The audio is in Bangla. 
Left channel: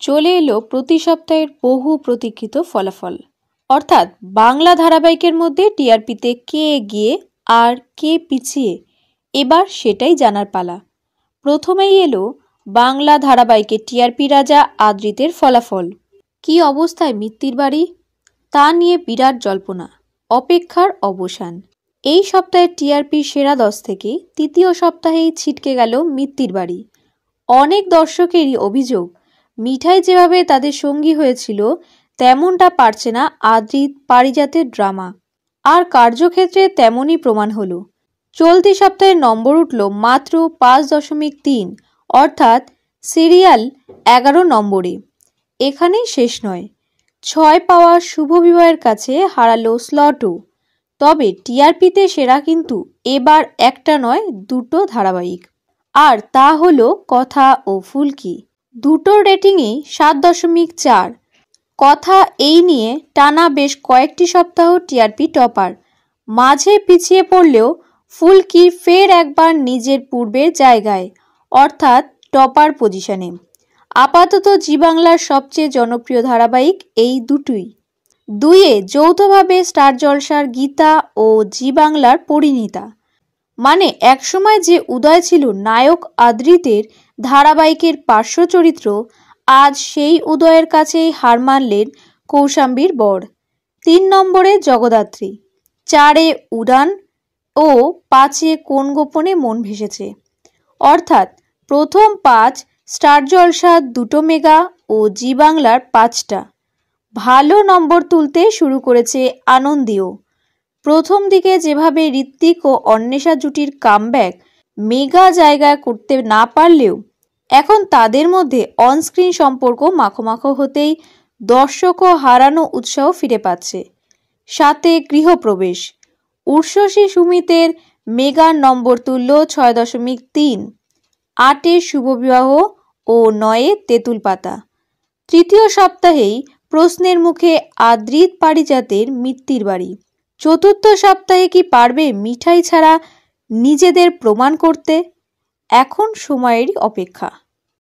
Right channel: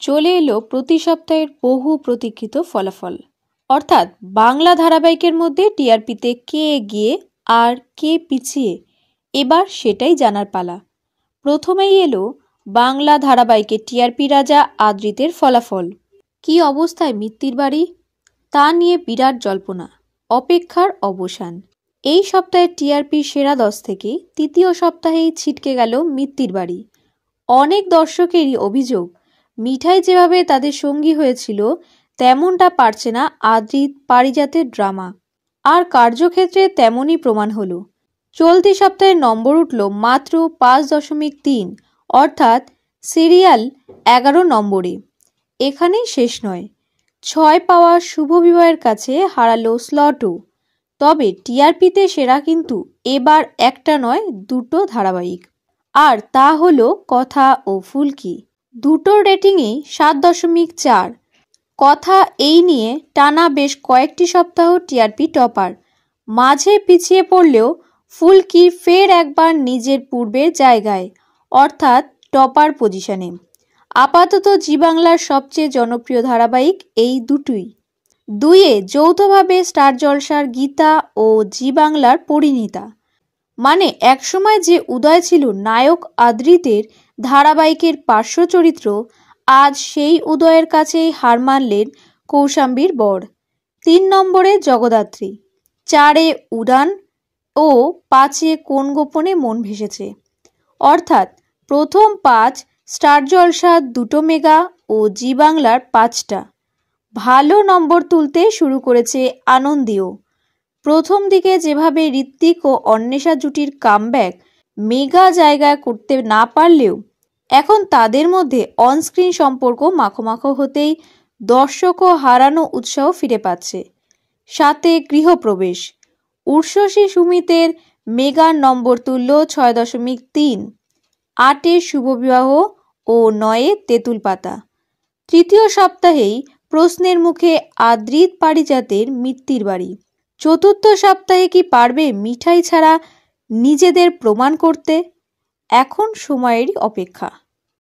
চলে এলো প্রতি সপ্তাহের বহু প্রতীক্ষিত ফলাফল, অর্থাৎ বাংলা ধারাবাহিকের মধ্যে টিআরপিতে কে এগিয়ে আর কে পিছিয়ে, এবার সেটাই জানার পালা। প্রথমেই এলো বাংলা ধারাবাহিকে টিআরপি রাজা আদ্রিতের ফলাফল। কি অবস্থায় মিত্তির বাড়ি, তা নিয়ে বিরাট জল্পনা, অপেক্ষার অবসান। এই সপ্তাহে টিআরপি সেরা 10 থেকে তৃতীয় সপ্তাহেই ছিটকে গেল মিত্তির বাড়ি। অনেক দর্শকেরই অভিযোগ, মিঠাই যেভাবে তাদের সঙ্গী হয়েছিল তেমনটা পারছে না আদ্রিত পারিজাতের ড্রামা। আর কার্যক্ষেত্রে তেমনই প্রমাণ হলো। চলতি সপ্তাহে নম্বর উঠল মাত্র 5.3, অর্থাৎ সিরিয়াল 11 নম্বরে। এখানেই শেষ নয়, 6 পাওয়া শুভ বিবাহের কাছে হারালো স্লটও। তবে টিআরপিতে সেরা কিন্তু এবার একটা নয়, দুটো ধারাবাহিক। আর তা হলো কথা ও ফুলকি। দুটোর রেটিংই 7.4। কথা এই নিয়ে টানা বেশ কয়েকটি সপ্তাহ টিআরপি টপার। মাঝে পিছিয়ে পড়লেও ফুলকি ফের একবার নিজের পূর্বের জায়গায়, অর্থাৎ টপার পজিশনে। আপাতত জি বাংলার সবচেয়ে জনপ্রিয় ধারাবাহিক এই দুটোই। দুইয়ে যৌথভাবে স্টার জলসার গীতা ও জি বাংলার পরিণীতা। মানে একসময় যে উদয় ছিল নায়ক আদ্রিতের ধারাবাহিকের পার্শ্ব চরিত্র, আজ সেই উদয়ের কাছেই হার মানলেন কৌশাম্বীর বর। 3 নম্বরে জগদ্ধাত্রী, 4-এ উড়ান ও 5-এ কোন গোপনে মন ভেসেছে। অর্থাৎ প্রথম 5 স্টার জলসা 2টো মেগা ও জি বাংলার 5টা। ভালো নম্বর তুলতে শুরু করেছে আনন্দীও। প্রথম দিকে যেভাবে ঋত্বিক ও অন্বেষা জুটির কামব্যাক মেগা জায়গা করতে না পারলেও এখন তাদের মধ্যে অনস্ক্রিন সম্পর্ক মাখো হতেই দর্শকও হারানো উৎসাহ ফিরে পাচ্ছে। সাথে গৃহপ্রবেশ, উর্ষশী সুমিতের মেগার নম্বর তুলল 6.3, 8-এ শুভবিবাহ ও 9-এ তেঁতুল পাতা। তৃতীয় সপ্তাহেই প্রশ্নের মুখে আদ্রিত পারিজাতের মিত্তির বাড়ি। চতুর্থ সপ্তাহে কি পারবে মিঠাই ছাড়া নিজেদের প্রমাণ করতে? এখন সময়েরই অপেক্ষা।